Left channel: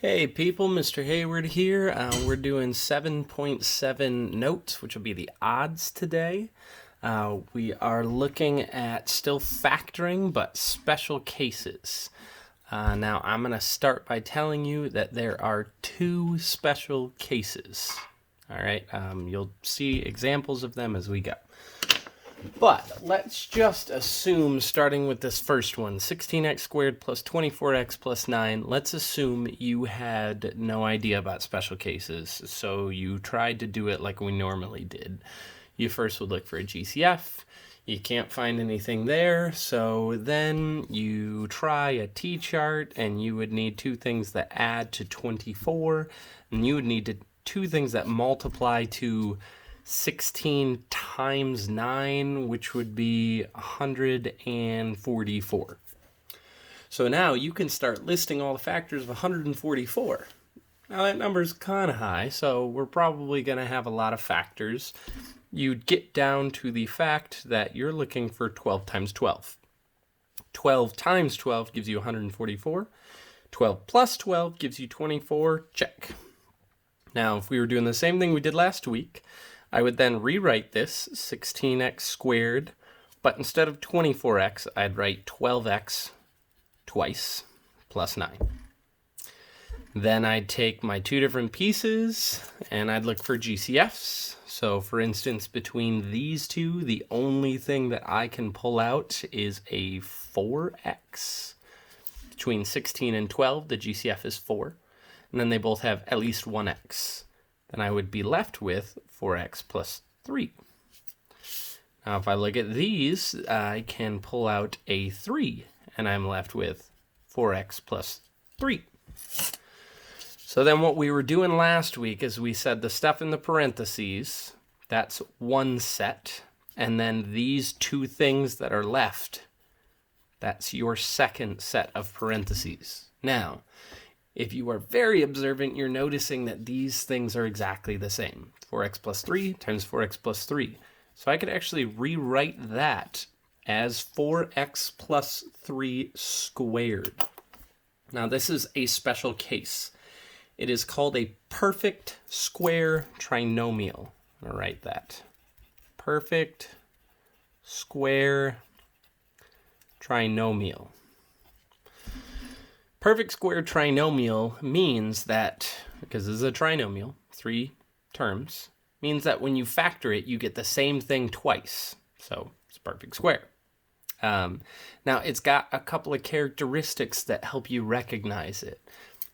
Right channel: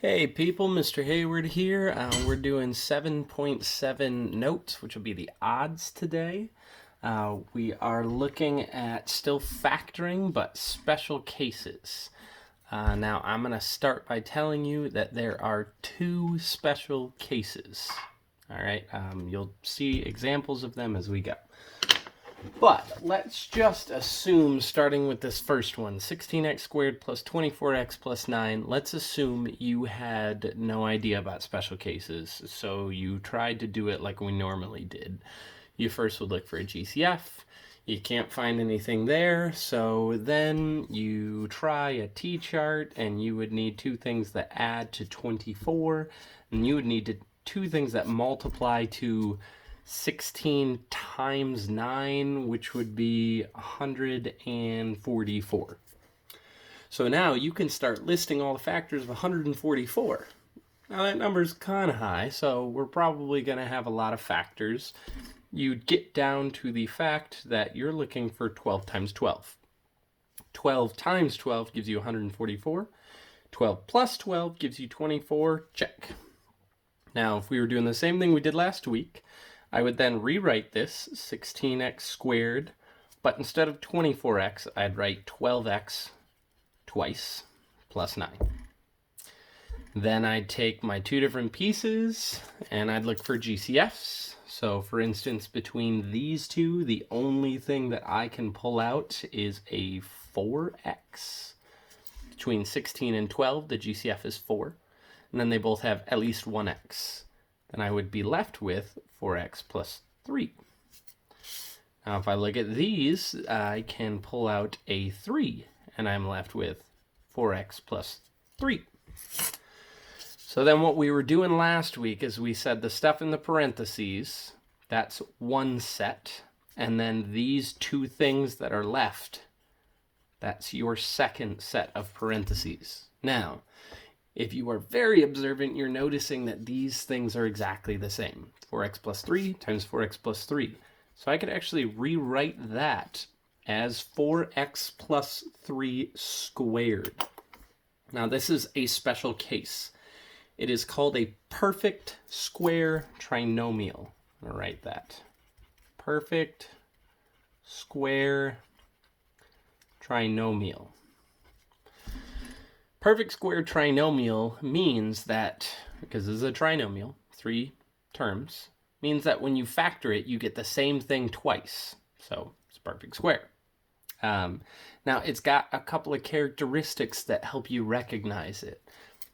Hey people, Mr. Hayward here. We're doing 7.7 notes, which will be the odds today. We are looking at still factoring, but special cases. Now, I'm going to start by telling you that there are two special cases. All right, you'll see examples of them as we go. But let's just assume, starting with this first one, 16x squared plus 24x plus 9, let's assume you had no idea about special cases, so you tried to do it like we normally did. You first would look for a GCF. You can't find anything there, so then you try a t-chart, and you would need two things that add to 24, and you would need two things that multiply to 16 times 9, which would be 144. So now you can start listing all the factors of 144. Now that number is kind of high, so we're probably going to have a lot of factors. You'd get down to the fact that you're looking for 12 times 12. 12 times 12 gives you 144. 12 plus 12 gives you 24. Check. Now, if we were doing the same thing we did last week, I would then rewrite this 16x squared, but instead of 24x, I'd write 12x twice plus 9. Then I'd take my two different pieces and I'd look for GCFs. So for instance, between these two, the only thing that I can pull out is a 4x. Between 16 and 12, the GCF is 4. And then they both have at least 1x. Then I would be left with 4x plus 3. Now, if I look at these, I can pull out a 3, and I'm left with 4x plus 3. So then what we were doing last week is we said the stuff in the parentheses, that's one set, and then these two things that are left, that's your second set of parentheses. Now, if you are very observant, you're noticing that these things are exactly the same. 4x plus 3 times 4x plus 3. So I could actually rewrite that as 4x plus 3 squared. Now this is a special case. It is called a perfect square trinomial. I'm going to write that. Perfect square trinomial. Perfect square trinomial means that, because this is a trinomial, 3 terms, means that when you factor it, you get the same thing twice. So it's perfect square. Now, it's got a couple of characteristics that help you recognize it.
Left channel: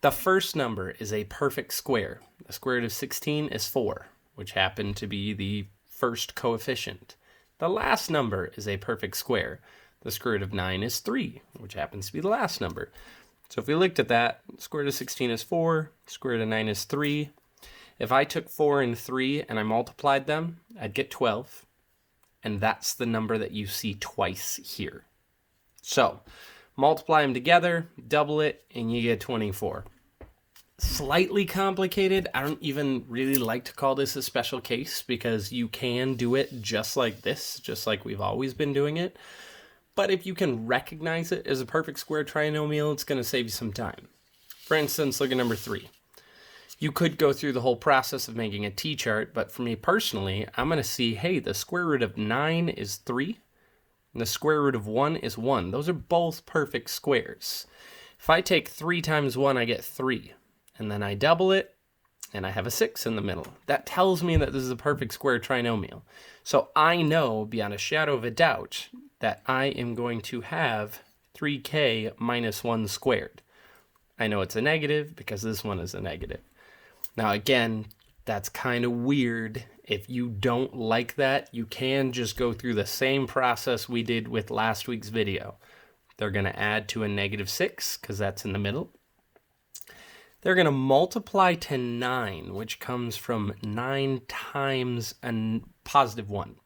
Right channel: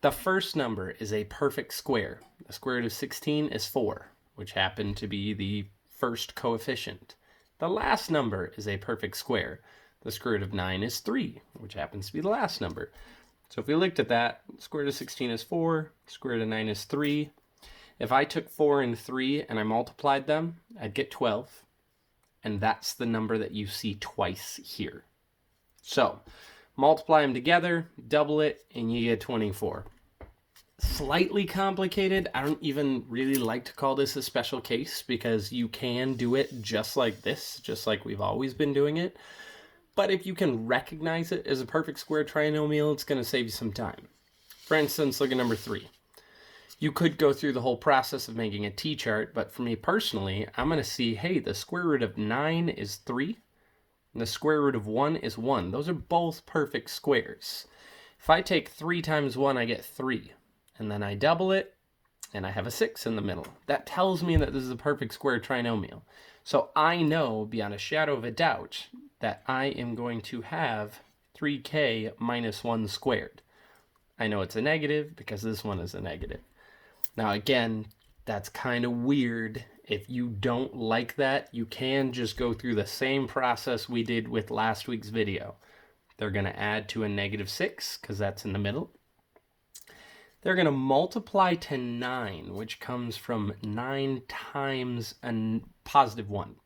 The first number is a perfect square. The square root of 16 is 4, which happened to be the first coefficient. The last number is a perfect square. The square root of 9 is 3, which happens to be the last number. So if we looked at that, square root of 16 is 4, square root of 9 is 3. If I took 4 and 3 and I multiplied them, I'd get 12. And that's the number that you see twice here. So multiply them together, double it, and you get 24. Slightly complicated. I don't even really like to call this a special case because you can do it just like this, just like we've always been doing it. But if you can recognize it as a perfect square trinomial, it's going to save you some time. For instance, look at number 3. You could go through the whole process of making a t-chart, but for me personally, I'm going to see, hey, the square root of 9 is 3, and the square root of 1 is 1. Those are both perfect squares. If I take 3 times 1, I get 3, and then I double it, and I have a 6 in the middle. That tells me that this is a perfect square trinomial. So I know, beyond a shadow of a doubt, that I am going to have 3k minus 1 squared. I know it's a negative because this one is a negative. Now again, that's kind of weird. If you don't like that, you can just go through the same process we did with last week's video. They're going to add to a negative 6 because that's in the middle. They're going to multiply to 9, which comes from 9 times a positive 1.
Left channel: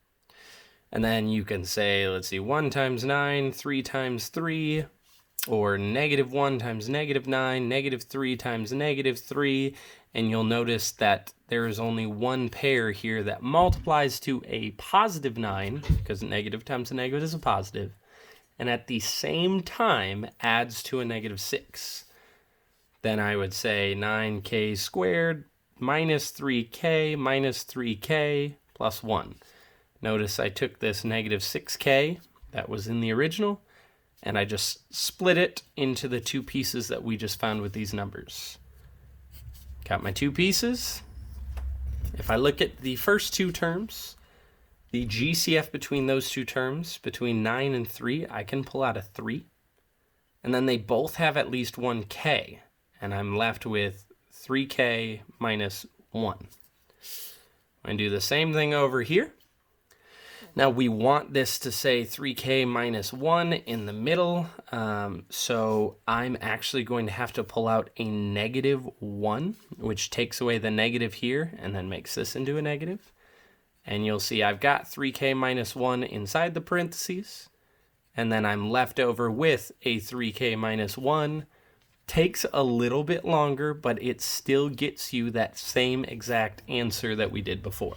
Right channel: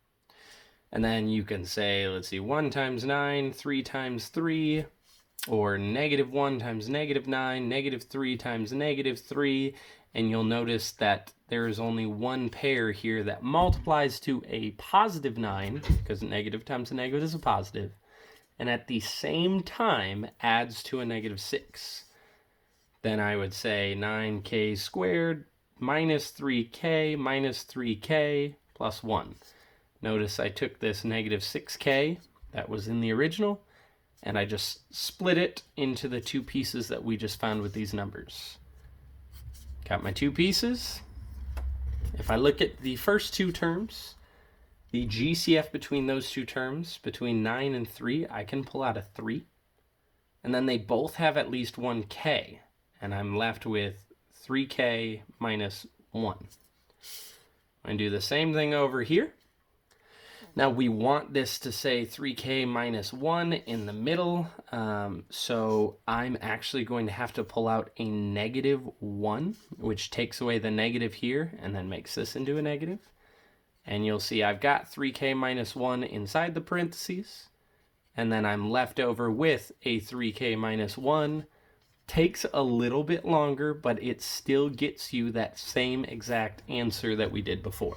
And then you can say, let's see, 1 times 9, 3 times 3, or negative 1 times negative 9, negative 3 times negative 3, and you'll notice that there is only one pair here that multiplies to a positive 9, because negative times a negative is a positive, and at the same time adds to a negative 6. then I would say 9k squared minus 3k plus 1. Notice I took this negative 6k that was in the original, and I just split it into the two pieces that we just found with these numbers. Got my two pieces. If I look at the first two terms, the GCF between those two terms, between 9 and 3, I can pull out a 3. And then they both have at least 1k, and I'm left with 3k minus 1. I'm going to do the same thing over here. Now we want this to say 3k minus 1 in the middle, so I'm actually going to have to pull out a negative 1, which takes away the negative here and then makes this into a negative. And you'll see I've got 3k minus 1 inside the parentheses, and then I'm left over with a 3k minus 1. Takes a little bit longer, but it still gets you that same exact answer that we did before.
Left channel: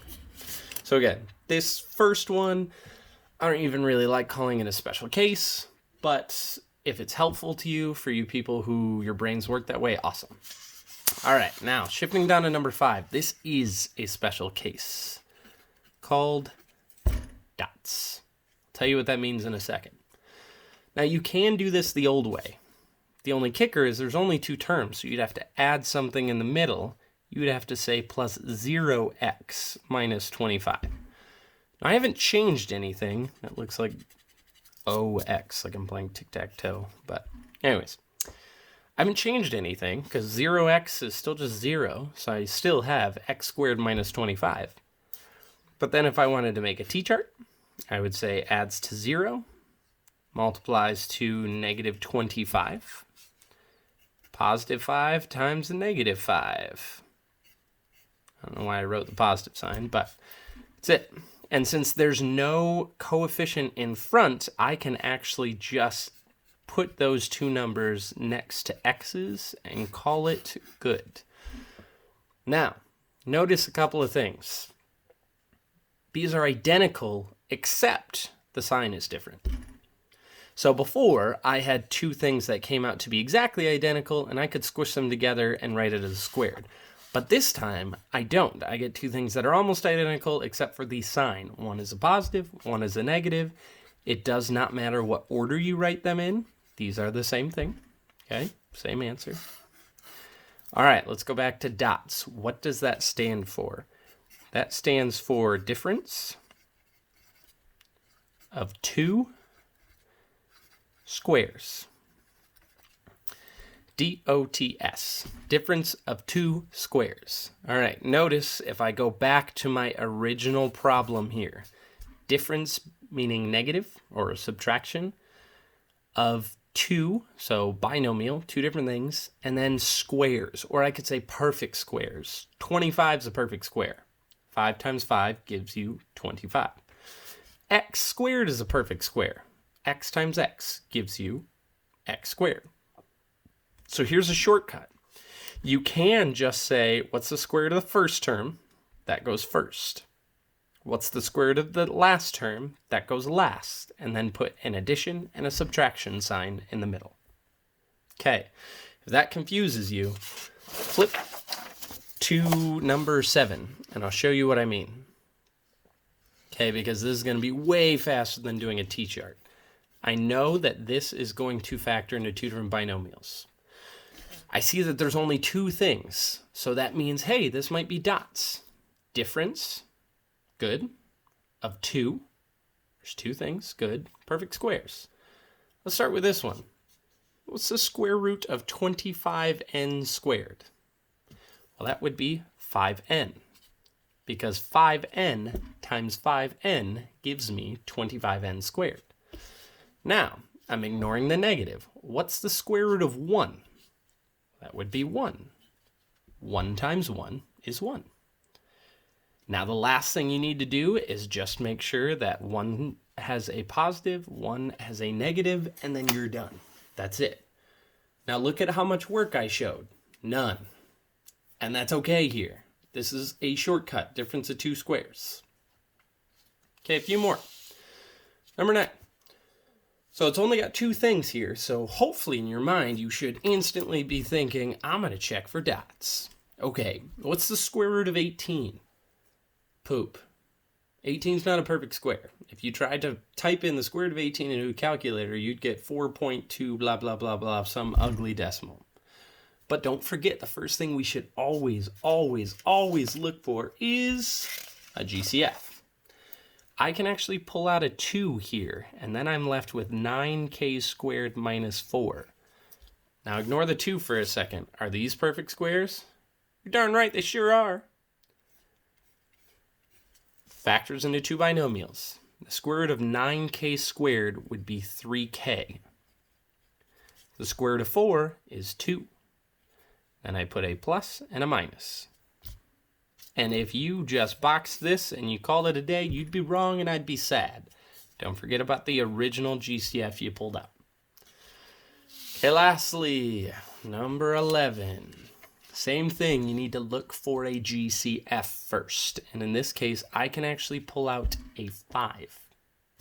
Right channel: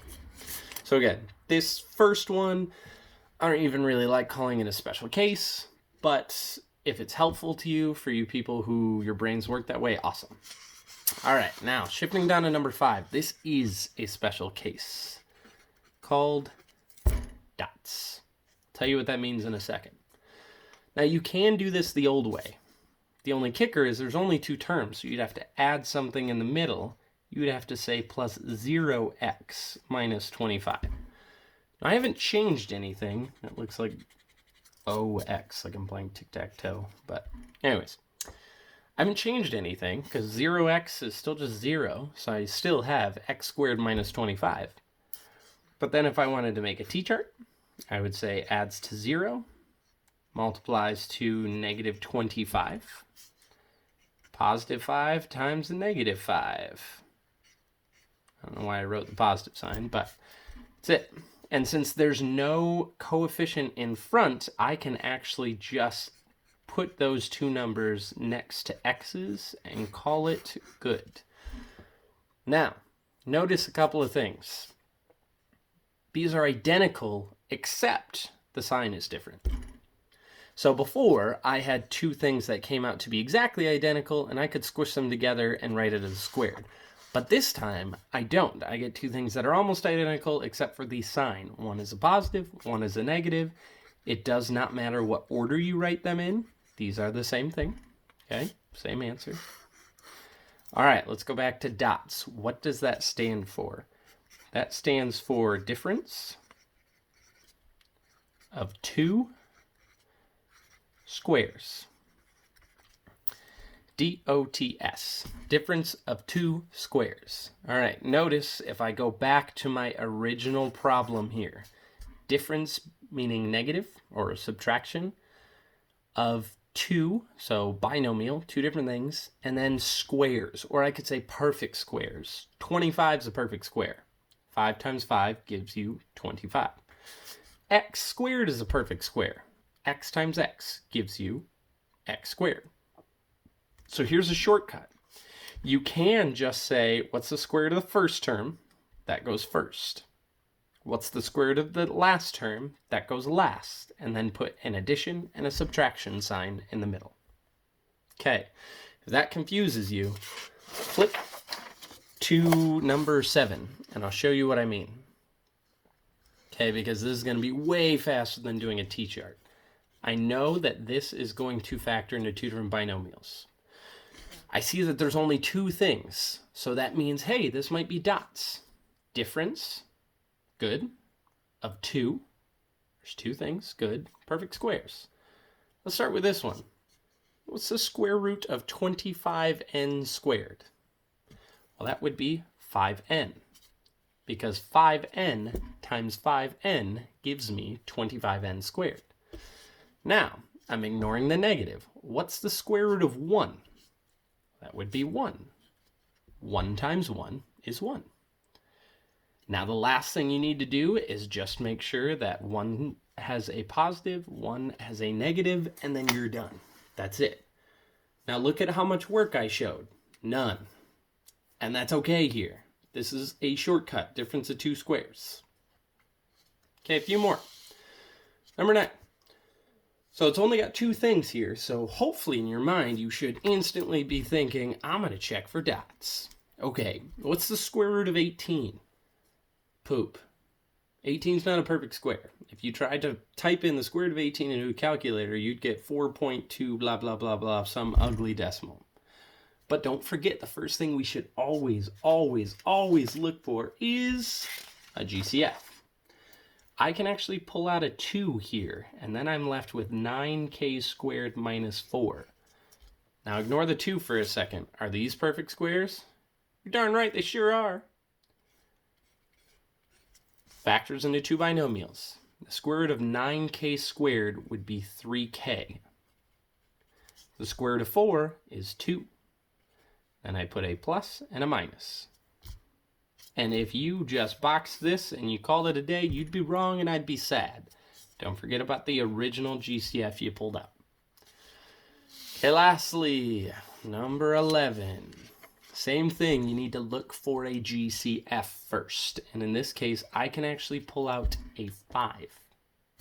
So again, this first one, I don't even really like calling it a special case, but if it's helpful to you, for you people who your brains work that way, awesome. All right, now shifting down to number 5. This is a special case called dots. I'll tell you what that means in a second. Now you can do this the old way. The only kicker is there's only two terms, so you'd have to add something in the middle. You'd have to say plus 0x minus 25. Now, I haven't changed anything. It looks like OX, like I'm playing tic-tac-toe. But anyways, I haven't changed anything because 0x is still just 0, so I still have x squared minus 25. But then if I wanted to make a t-chart, I would say adds to 0, multiplies to negative 25, positive 5 times the negative 5. I don't know why I wrote the positive sign, but that's it. And since there's no coefficient in front, I can actually just put those two numbers next to x's and call it good. Now, notice a couple of things. These are identical, except the sign is different. So before, I had two things that came out to be exactly identical, and I could squish them together and write it as squared. But this time, I don't. I get two things that are almost identical, except for the sign. One is a positive, one is a negative. It does not matter what order you write them in. These are the same thing. Okay, same answer. All right, let's go back to dots. What does that stand for? That stands for difference of two squares. DOTS, difference of two squares. All right, notice if I go back to my original problem here, difference meaning negative or subtraction of two, so binomial, two different things, and then squares, or I could say perfect squares. 25 is a perfect square. 5 times 5 gives you 25. X squared is a perfect square. X times x gives you x squared. So here's a shortcut. You can just say, what's the square root of the first term? That goes first. What's the square root of the last term? That goes last. And then put an addition and a subtraction sign in the middle. Okay, if that confuses you, flip to number 7, and I'll show you what I mean. Okay, because this is going to be way faster than doing a t-chart. I know that this is going to factor into two different binomials. I see that there's only two things, so that means, hey, this might be dots. Difference, good, of 2. There's two things, good, perfect squares. Let's start with this one. What's the square root of 25n squared? Well, that would be 5n, because 5n times 5n gives me 25n squared. Now, I'm ignoring the negative. What's the square root of 1? That would be 1. 1 times 1 is 1. Now the last thing you need to do is just make sure that 1 has a positive, 1 has a negative, and then you're done. That's it. Now look at how much work I showed. None. And that's okay here. This is a shortcut, difference of two squares. Okay, a few more. Number 9. So it's only got two things here, so hopefully in your mind you should instantly be thinking, I'm going to check for dots. Okay, what's the square root of 18? Poop. 18 is not a perfect square. If you tried to type in the square root of 18 into a calculator, you'd get 4.2 blah, blah, blah, blah, some ugly decimal. But don't forget, the first thing we should always, always, always look for is a GCF. I can actually pull out a 2 here, and then I'm left with 9k squared minus 4. Now ignore the 2 for a second. Are these perfect squares? You're darn right, they sure are. Factors into two binomials. The square root of 9k squared would be 3k. The square root of 4 is 2. Then I put a plus and a minus. And if you just boxed this and you called it a day, you'd be wrong and I'd be sad. Don't forget about the original GCF you pulled out. Okay, lastly, number 11. Same thing, you need to look for a GCF first. And in this case, I can actually pull out a 5.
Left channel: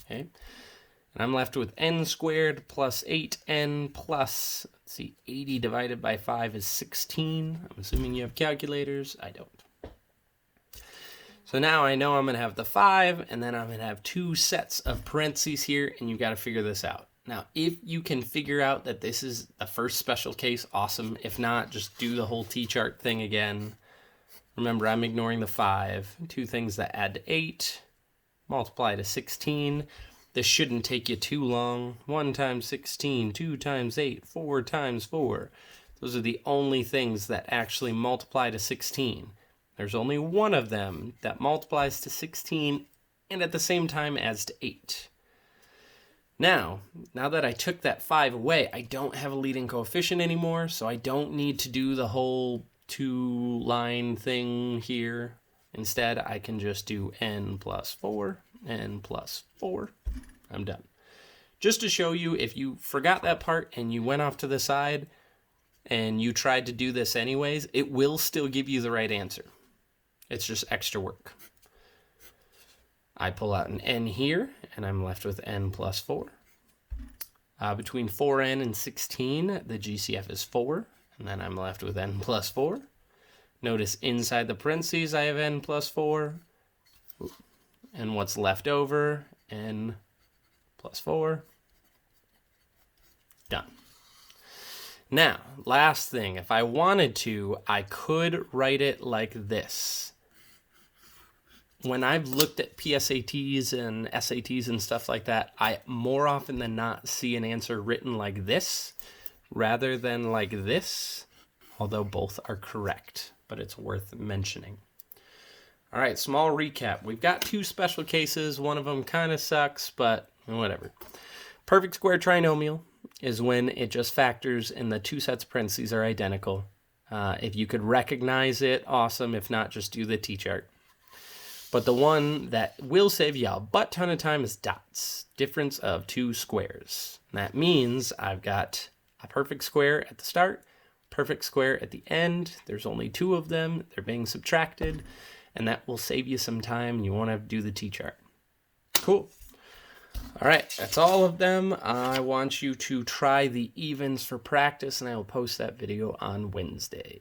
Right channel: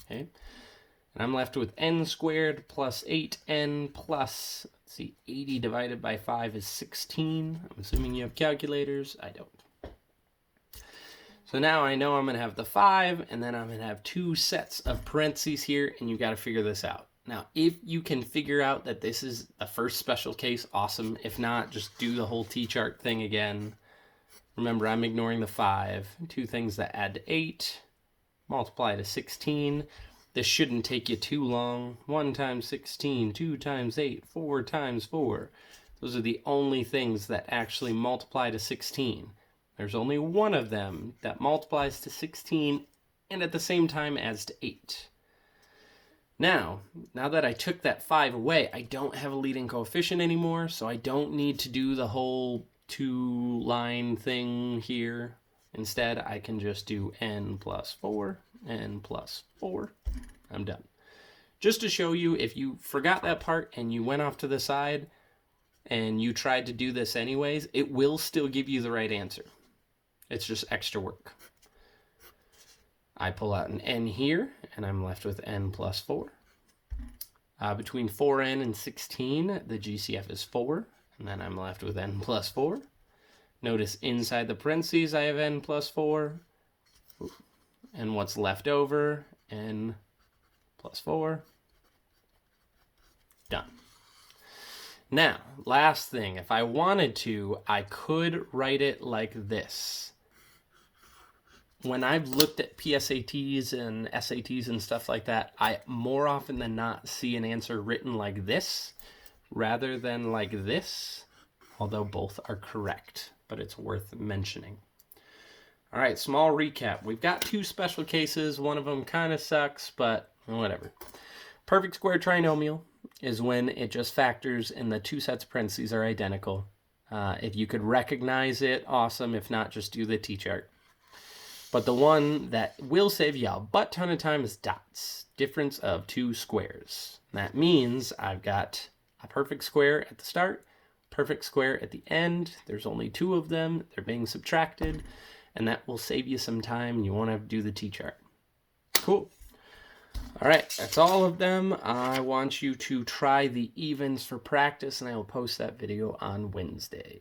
Okay? And I'm left with n squared plus 8n plus, let's see, 80 divided by 5 is 16. I'm assuming you have calculators. I don't. So now I know I'm going to have the 5, and then I'm going to have 2 sets of parentheses here, and you've got to figure this out. Now, if you can figure out that this is the first special case, awesome. If not, just do the whole T-chart thing again. Remember, I'm ignoring the 5. 2 things that add to 8, multiply to 16. This shouldn't take you too long. 1 times 16, 2 times 8, 4 times 4. Those are the only things that actually multiply to 16. There's only one of them that multiplies to 16 and at the same time adds to 8. Now that I took that 5 away, I don't have a leading coefficient anymore, so I don't need to do the whole 2-line thing here. Instead, I can just do n plus 4, n plus 4. I'm done. Just to show you, if you forgot that part and you went off to the side and you tried to do this anyways, it will still give you the right answer. It's just extra work. I pull out an n here, and I'm left with n plus 4. Between 4n and 16, the GCF is 4, and then I'm left with n plus 4. Notice inside the parentheses, I have n plus 4. And what's left over, n plus 4. Done. Now, last thing, if I wanted to, I could write it like this. When I've looked at PSATs and SATs and stuff like that, I more often than not see an answer written like this rather than like this, although both are correct, but it's worth mentioning. All right, small recap. We've got 2 special cases. One of them kind of sucks, but whatever. Perfect square trinomial is when it just factors and the 2 sets of parentheses are identical. If you could recognize it, awesome. If not, just do the T-chart. But the one that will save you a butt ton of time is dots. Difference of 2 squares. And that means I've got a perfect square at the start, perfect square at the end. There's only 2 of them. They're being subtracted. And that will save you some time. And you won't have to do the T-chart. Cool. All right, that's all of them. I want you to try the evens for practice, and I will post that video on Wednesday.